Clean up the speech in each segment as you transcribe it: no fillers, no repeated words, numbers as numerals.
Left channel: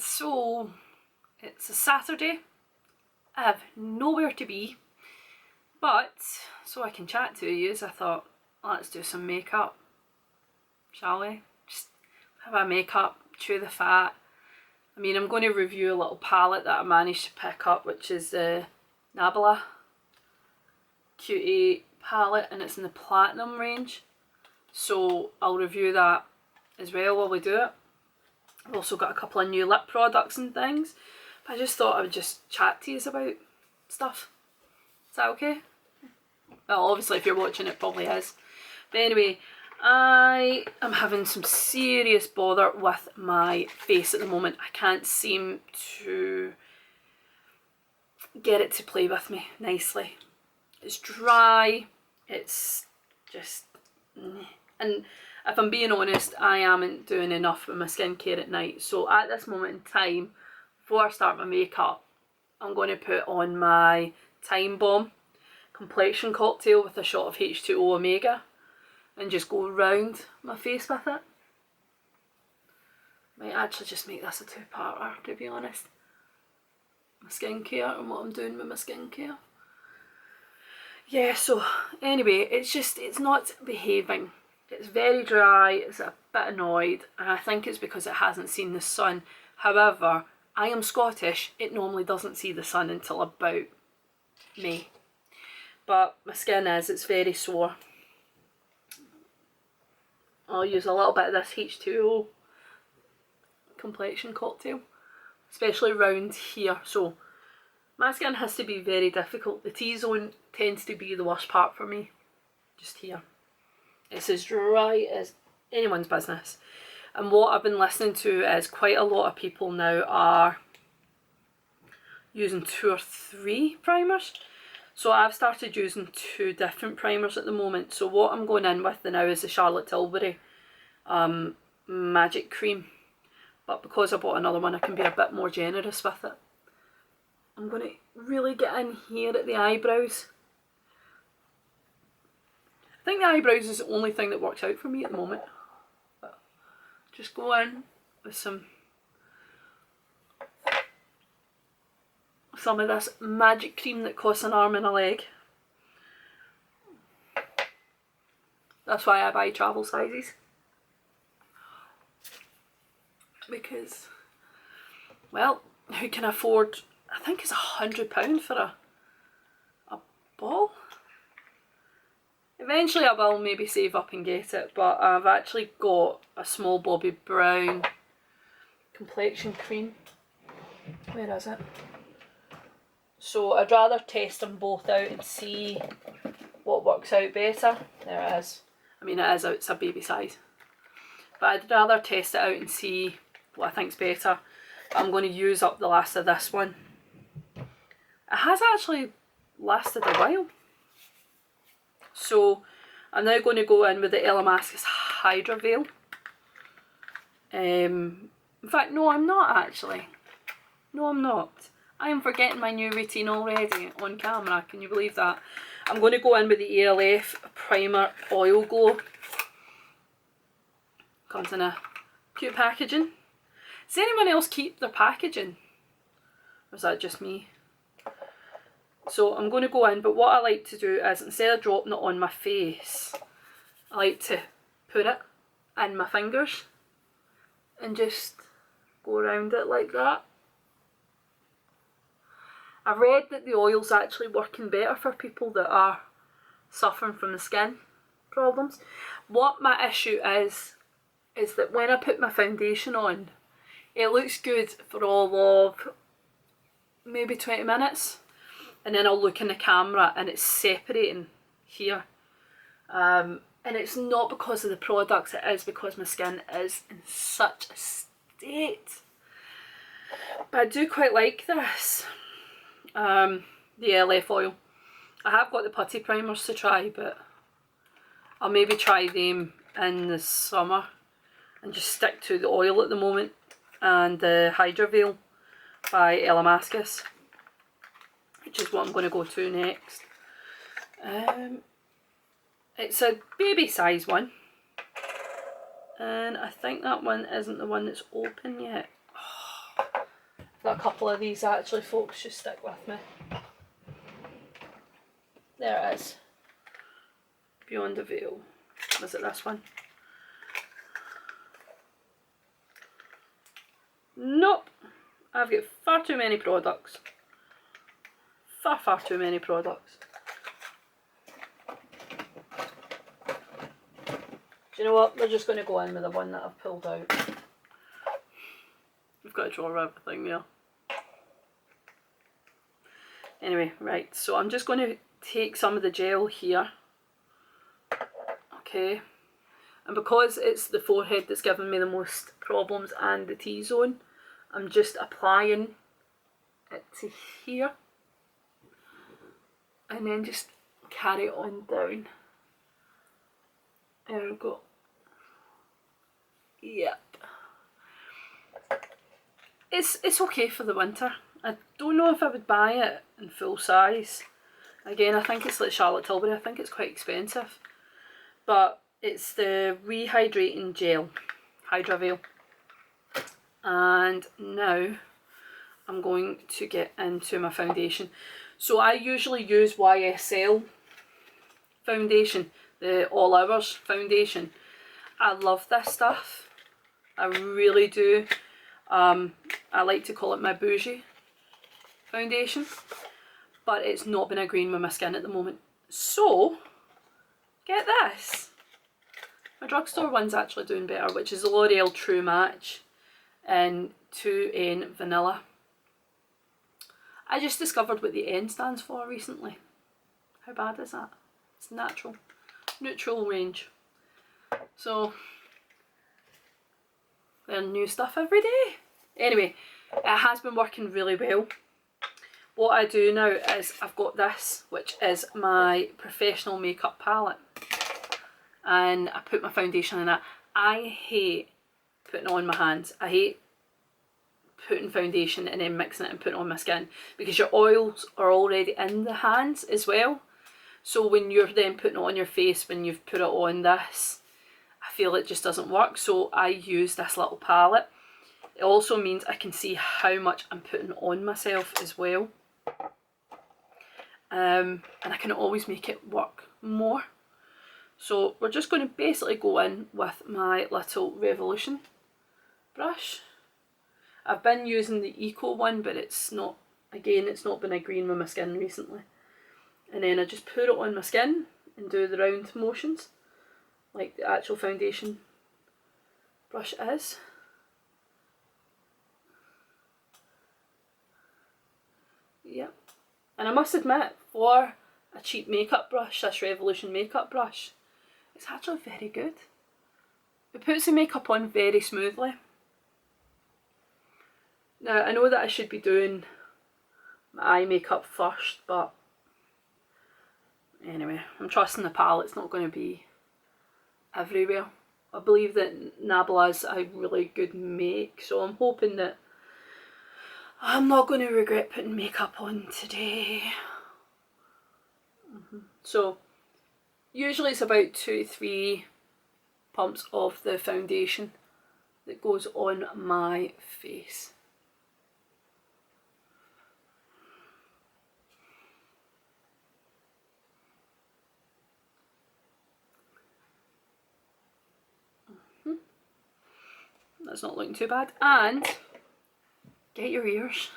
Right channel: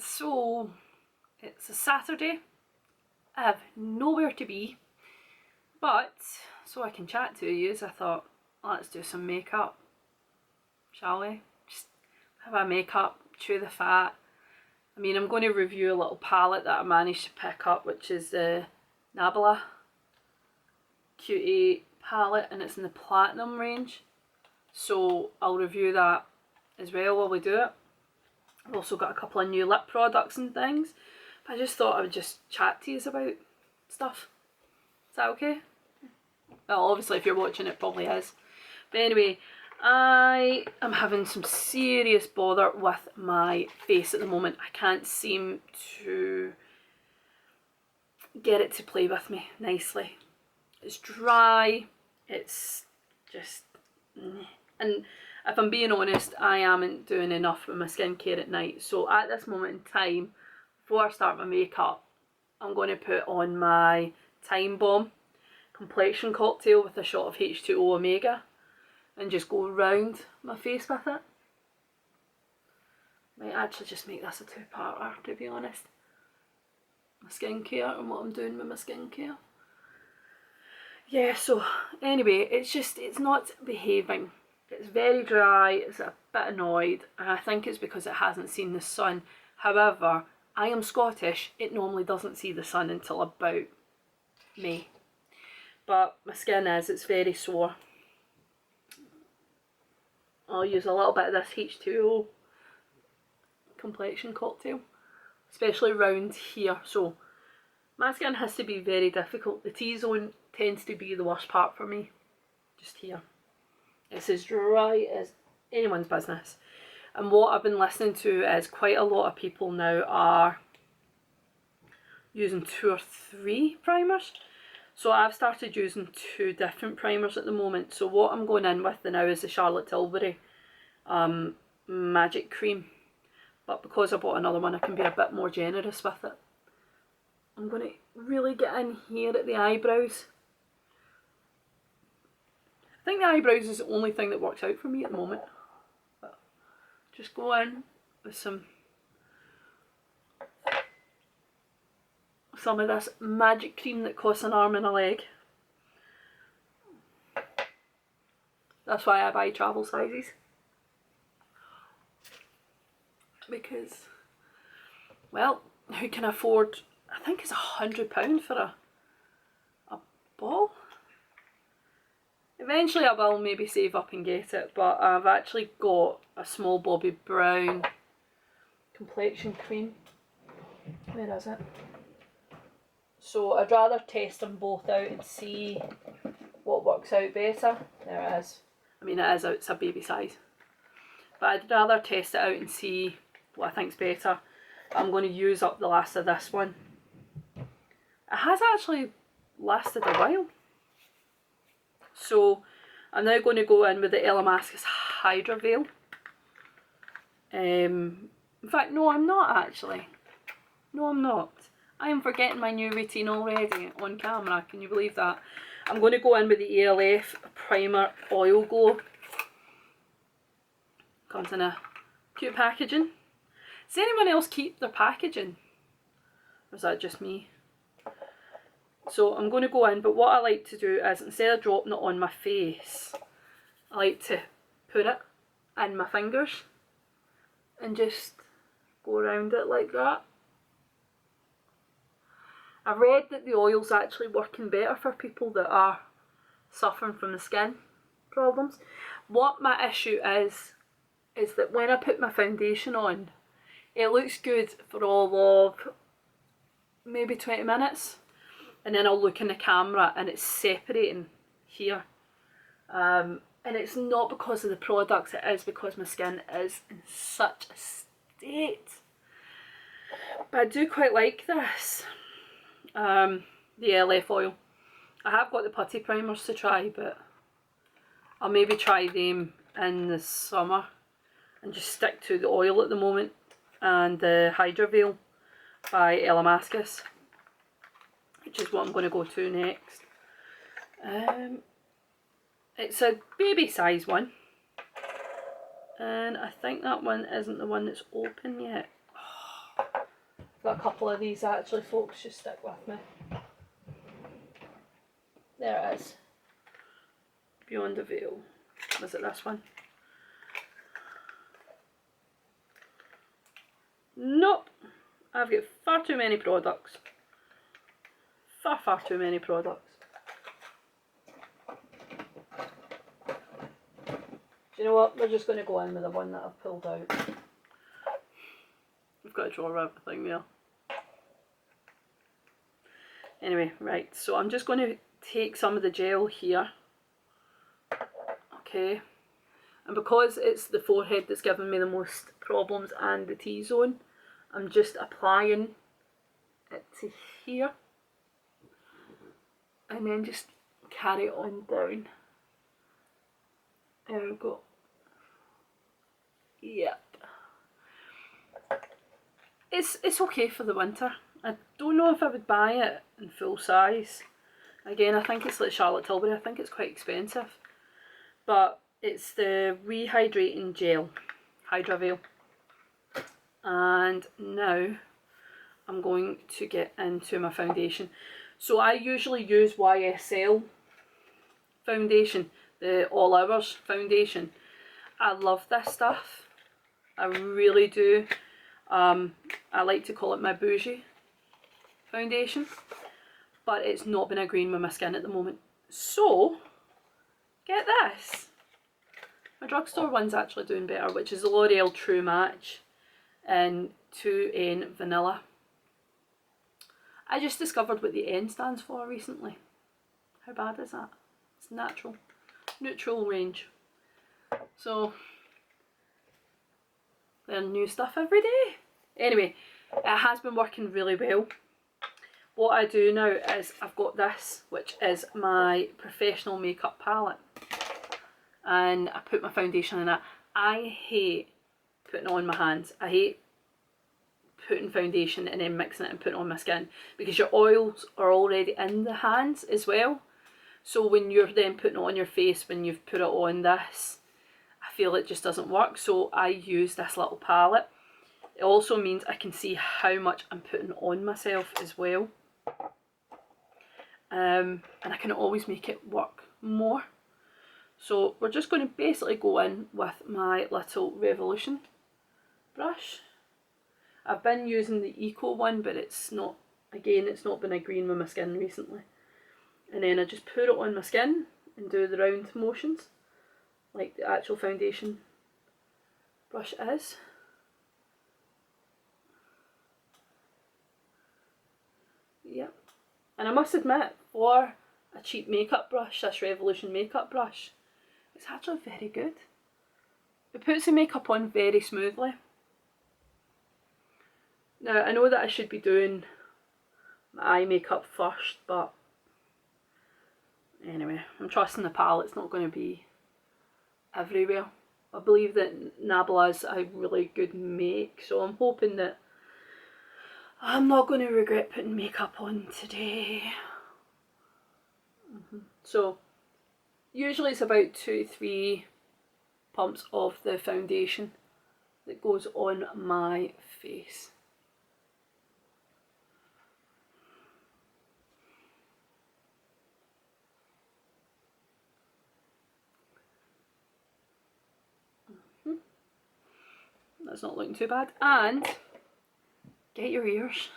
So it's a Saturday. I have nowhere to be, but so I can chat to you, I thought, let's do some makeup, shall we? Just have a makeup, chew the fat. I mean, I'm going to review a little palette that I managed to pick up, which is the Nabila Cutie palette, and it's in the Platinum range. So I'll review that as well while we do it. I've also got a couple of new lip products and things, but I just thought I would just chat to you about stuff. Is that okay? Well, obviously if you're watching it probably is. But anyway, I am having some serious bother with my face at the moment. I can't seem to get it to play with me nicely. It's dry, it's just... And if I'm being honest, I am doing enough with my skincare at night. So at this moment in time, before I start my makeup, I'm going to put on my Time Bomb complexion cocktail with a shot of H2O Omega and just go round my face with it. Might actually just make this a two-parter, to be honest. My skincare and what I'm doing with my skincare. Yeah, so anyway, it's not behaving. It's very dry, it's a bit annoyed, and I think it's because it hasn't seen the sun. However, I am Scottish, it normally doesn't see the sun until about May. But my skin it's very sore. I'll use a little bit of this H2O complexion cocktail, especially round here. So my skin has to be very difficult. The T-zone tends to be the worst part for me, just here. It's as dry as anyone's business. And what I've been listening to is quite a lot of people now are using 2 or 3 primers. So I've started using 2 different primers at the moment. So what I'm going in with now is the Charlotte Tilbury Magic Cream. But because I bought another one, I can be a bit more generous with it. I'm going to really get in here at the eyebrows. I think the eyebrows is the only thing that works out for me at the moment. But just go in with some of this magic cream that costs an arm and a leg. That's why I buy travel sizes. Because, well, who can afford, I think it's £100 for a ball? Eventually I will maybe save up and get it, but I've actually got a small Bobbi Brown complexion cream. Where is it? So I'd rather test them both out and see what works out better. There it is. I mean it's a baby size. But I'd rather test it out and see what I think's better. But I'm going to use up the last of this one. It has actually lasted a while. So I'm now going to go in with the Elamascus Hydra Veil. In fact, no, I'm not actually. No, I'm not. I am forgetting my new routine already on camera. Can you believe that? I'm going to go in with the Alf Primer Oil Glow. Comes in a cute packaging. Does anyone else keep their packaging? Or is that just me? So I'm going to go in, but what I like to do is instead of dropping it on my face, I like to put it in my fingers and just go around it like that. I read that the oil's actually working better for people that are suffering from the skin problems. What my issue is that when I put my foundation on, it looks good for all of maybe 20 minutes. And then I'll look in the camera and it's separating here. And it's not because of the products, it is because my skin is in such a state. But I do quite like this. The LF oil. I have got the putty primers to try, but I'll maybe try them in the summer and just stick to the oil at the moment and the Hydra Veil by Elamascus, which is what I'm going to go to next. It's a baby size one, and I think that one isn't the one that's open yet. Oh, got a couple of these actually, folks, just stick with me. There it is. Beyond the Veil. Was it this one? Nope. I've got far too many products. Far too many products. Do you know what? We're just going to go in with the one that I've pulled out. We've got to draw everything there. Anyway, right, so I'm just going to take some of the gel here. Okay. And because it's the forehead that's giving me the most problems and the T-zone, I'm just applying it to here. And then just carry it on down. There we go. Yep. It's okay for the winter. I don't know if I would buy it in full size. Again, I think it's like Charlotte Tilbury. I think it's quite expensive. But it's the Rehydrating Gel, Hydra Veil. And now I'm going to get into my foundation. So I usually use YSL foundation, the All Hours foundation. I love this stuff. I really do. I like to call it my bougie foundation, but it's not been agreeing with my skin at the moment. So, get this. My drugstore one's actually doing better, which is the L'Oreal True Match in 2N Vanilla. I just discovered what the N stands for recently. How bad is that? It's natural. Neutral range. So, learn new stuff every day. Anyway, it has been working really well. What I do now is I've got this, which is my professional makeup palette. And I put my foundation in that. I hate putting it on my hands. I hate putting foundation and then mixing it and putting it on my skin, because your oils are already in the hands as well. So when you're then putting it on your face, when you've put it on this, I feel it just doesn't work. So I use this little palette. It also means I can see how much I'm putting on myself as well. And I can always make it work more. So we're just going to basically go in with my little Revolution brush. I've been using the Eco one, but it's not, again, it's not been agreeing with my skin recently. And then I just put it on my skin and do the round motions, like the actual foundation brush is. Yep. And I must admit, for a cheap makeup brush, this Revolution makeup brush, it's actually very good. It puts the makeup on very smoothly. Now, I know that I should be doing my eye makeup first, but anyway, I'm trusting the palette's not going to be everywhere. I believe that Nabla's a really good make, so I'm hoping that I'm not going to regret putting makeup on today. So, usually it's about 2 to 3 pumps of the foundation that goes on my face. That's not looking too bad. And get your ears.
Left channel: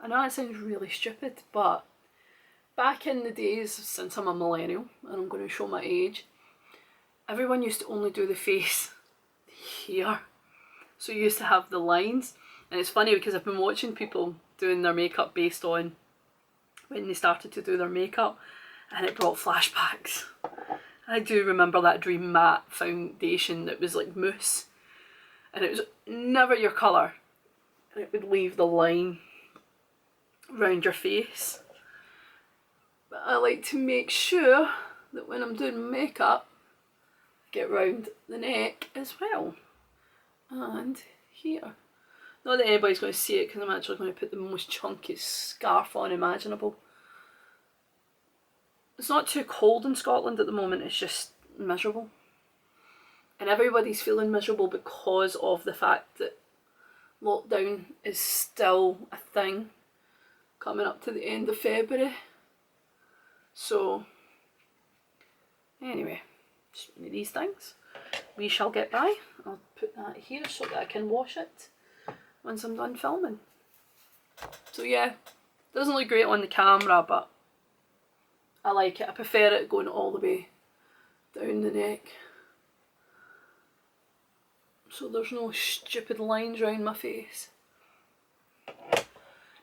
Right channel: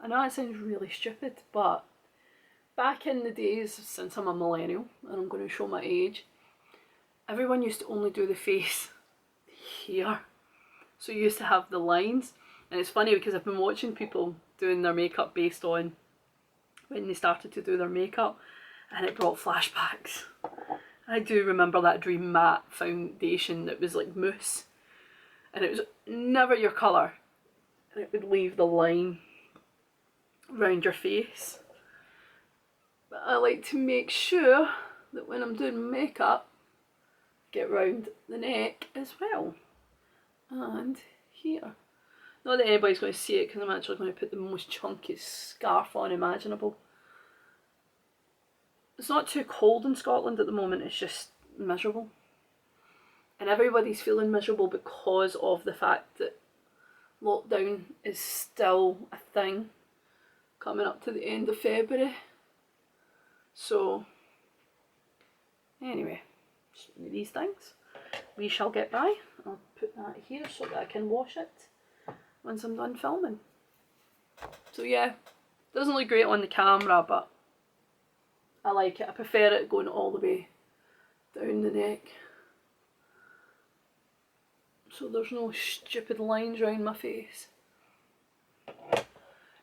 I know that sounds really stupid, but back in the days, since I'm a millennial and I'm going to show my age, everyone used to only do the face here. So you used to have the lines. And it's funny because I've been watching people doing their makeup based on when they started to do their makeup, and it brought flashbacks. I do remember that Dream Matte foundation that was like mousse, and it was never your colour, and it would leave the line around your face. But I like to make sure that when I'm doing makeup, I get round the neck as well, and here. Not that anybody's going to see it, because I'm actually going to put the most chunky scarf on imaginable. It's not too cold in Scotland at the moment, it's just miserable. And everybody's feeling miserable because of the fact that lockdown is still a thing coming up to the end of February. So anyway, just one of these things. We shall get by. I'll put that here so that I can wash it once I'm done filming. So yeah, doesn't look great on the camera, but I like it. I prefer it going all the way down the neck, so there's no stupid lines around my face.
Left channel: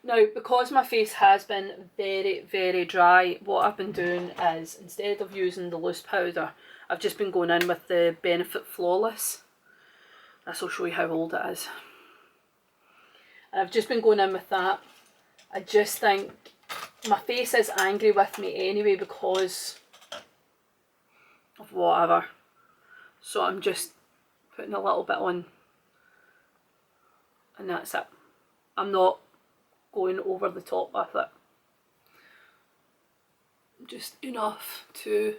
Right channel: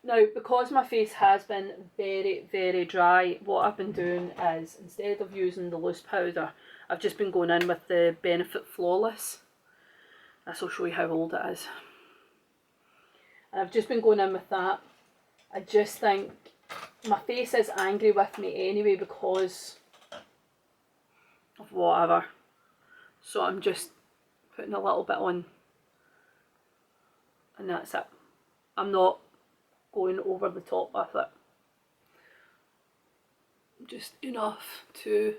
Now, because my face has been very, very dry, what I've been doing is, instead of using the loose powder, I've just been going in with the Benefit Flawless. This will show you how old it is. And I've just been going in with that. I just think my face is angry with me anyway because of whatever. So I'm just putting a little bit on and that's it. I'm not going over the top with it. Just enough to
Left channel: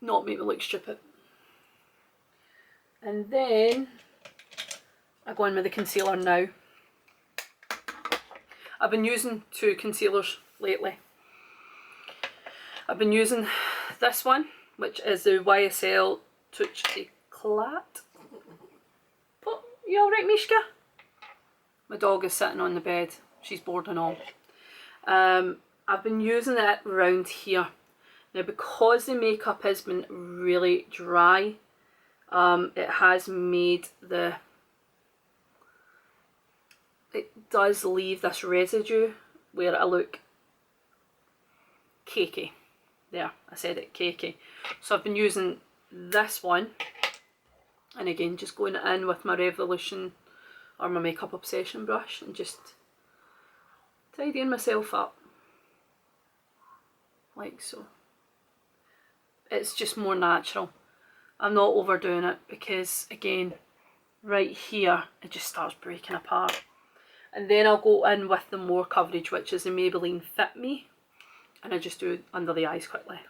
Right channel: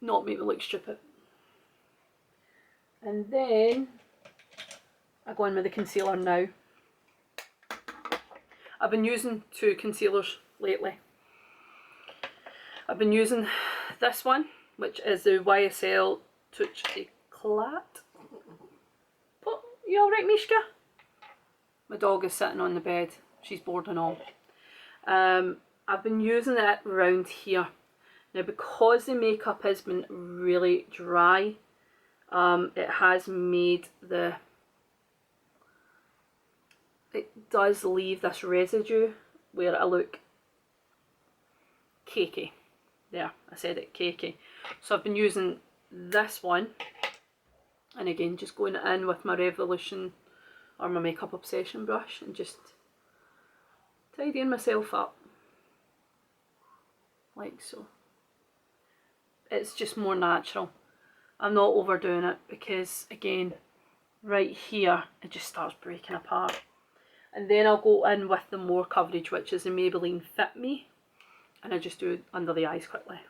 not make me look stupid. And then I go in with the concealer now. I've been using two concealers lately. I've been using this one, which is the YSL Touch Eclat. Oh, you alright, Mishka? My dog is sitting on the bed. She's bored and all. I've been using it around here. Now, because the makeup has been really dry, it has made the... It does leave this residue where I look cakey. There, I said it, cakey. So I've been using this one, and again, just going in with my Revolution or my Makeup Obsession brush and just tidying myself up, like so. It's just more natural. I'm not overdoing it because, again, right here, it just starts breaking apart. And then I'll go in with the more coverage, which is the Maybelline Fit Me, and I just do it under the eyes quickly.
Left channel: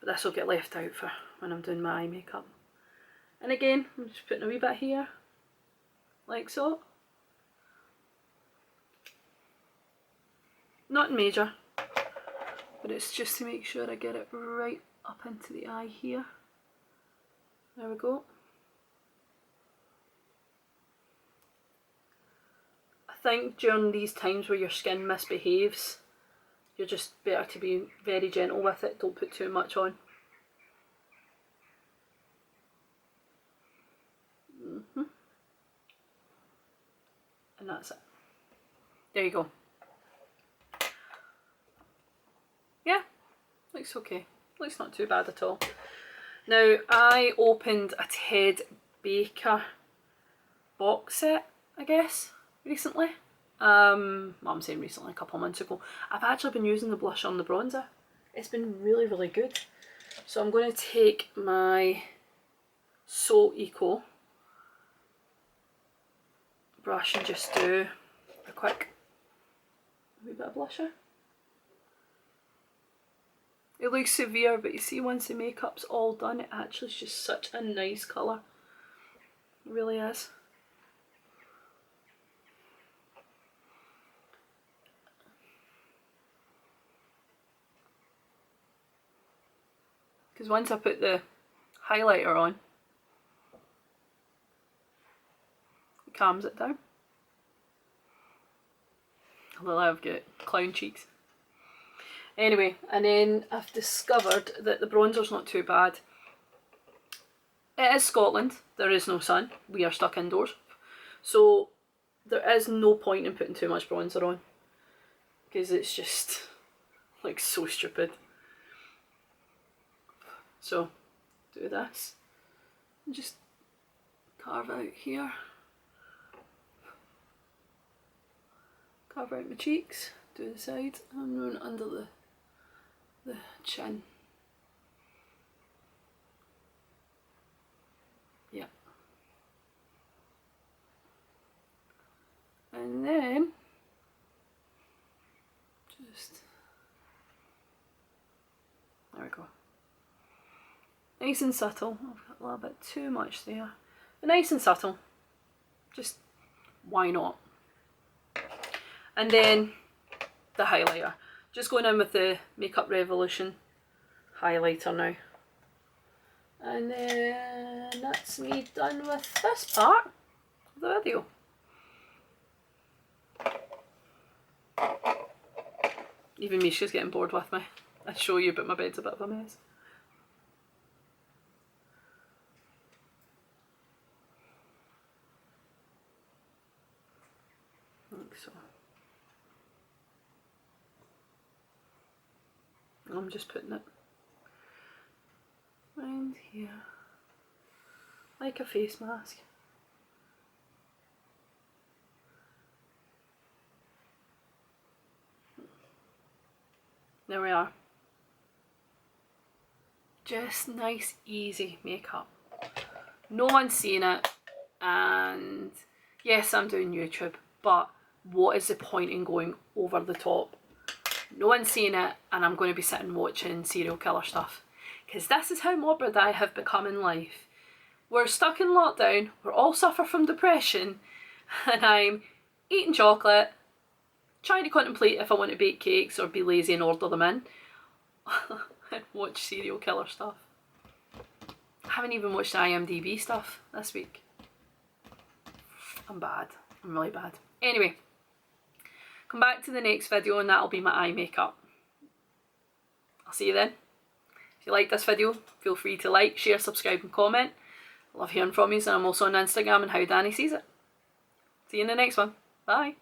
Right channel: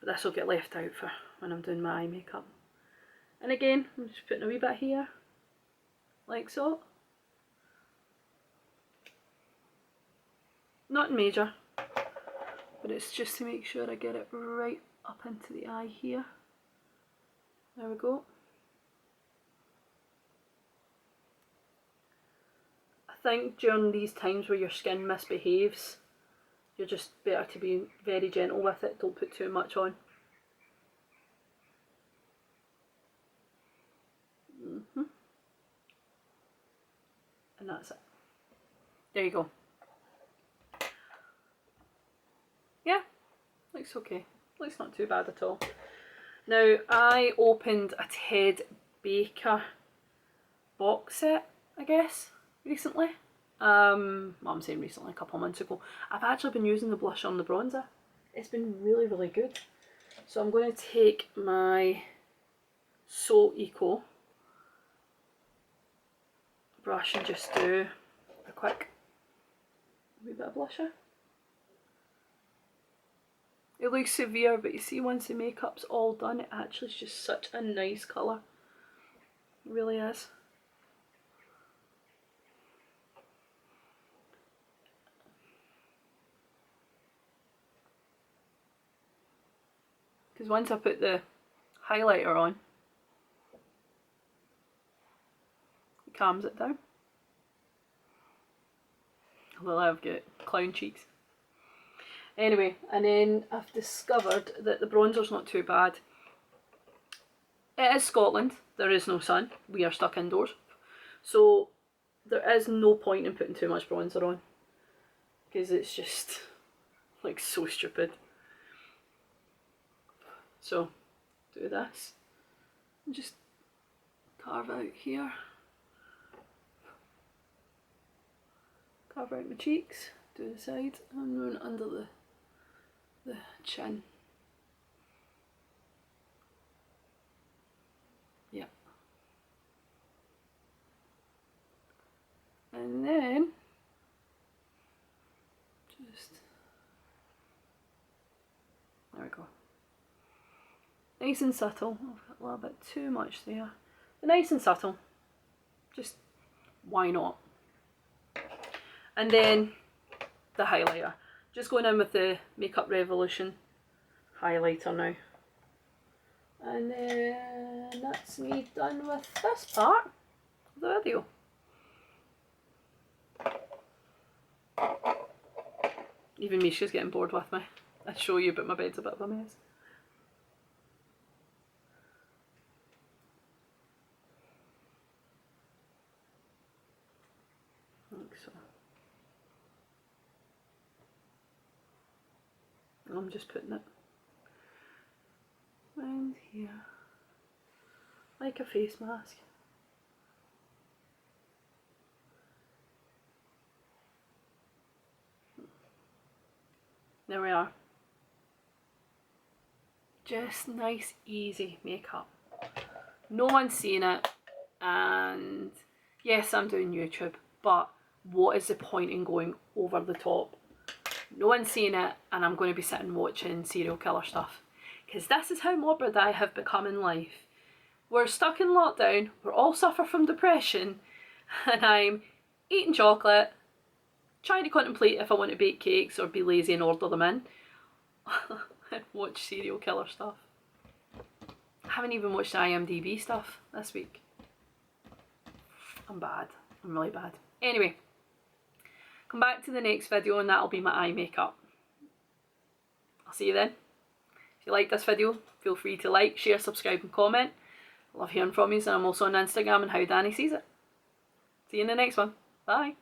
But this will get left out for when I'm doing my eye makeup. And again, I'm just putting a wee bit here, like so. Nothing major, but it's just to make sure I get it right up into the eye here. There we go. I think during these times where your skin misbehaves, you're just better to be very gentle with it. Don't put too much on. And that's it. There you go. Yeah, looks okay. Looks not too bad at all. Now, I opened a Ted Baker box set, I guess, recently. Well, I'm saying recently, a couple of months ago. I've actually been using the blusher and the bronzer. It's been really, really good. So I'm going to take my So Eco brush and just do a quick wee bit of blusher. It looks severe, but you see, once the makeup's all done, it actually is just such a nice colour. It really is. Because once I put the highlighter on, it calms it down. Although I've got clown cheeks. Anyway, and then I've discovered that the bronzer's not too bad. It is Scotland, there is no sun, we are stuck indoors. So there is no point in putting too much bronzer on, because it's just like so stupid. So do this and just carve out here, carve out my cheeks, do the sides and run under the chin. Yep. And then just, there we go. Nice and subtle. I've got a little bit too much there. But nice and subtle. Just why not? And then the highlighter. Just going in with the Makeup Revolution highlighter now. And then that's me done with this part of the video. Even Misha's getting bored with me. I show you, but my bed's a bit of a mess. Like so. I'm just putting it around here, like a face mask. There we are. Just nice, easy makeup. No one's seeing it, and yes, I'm doing YouTube, but what is the point in going over the top? No one's seeing it, and I'm going to be sitting watching serial killer stuff. Because this is how morbid I have become in life. We're stuck in lockdown, we're all suffer from depression, and I'm eating chocolate, trying to contemplate if I want to bake cakes or be lazy and order them in, and watch serial killer stuff. I haven't even watched the IMDb stuff this week. I'm bad. I'm really bad. Anyway, come back to the next video and that'll be my eye makeup. I'll see you then. If you like this video, feel free to like, share, subscribe and comment. I love hearing from you, and I'm also on Instagram and How Danny Sees It. See you in the next one. Bye.